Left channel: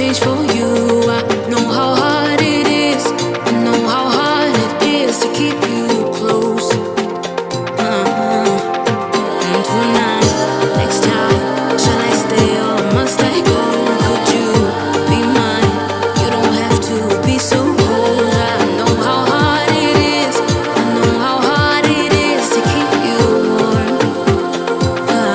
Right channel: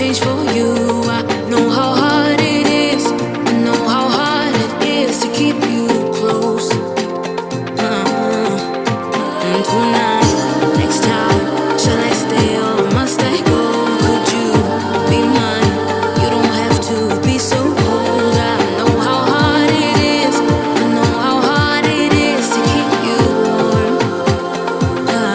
change for you. I know how hard it is. I know how hard it is to keep you close. And tonight, next time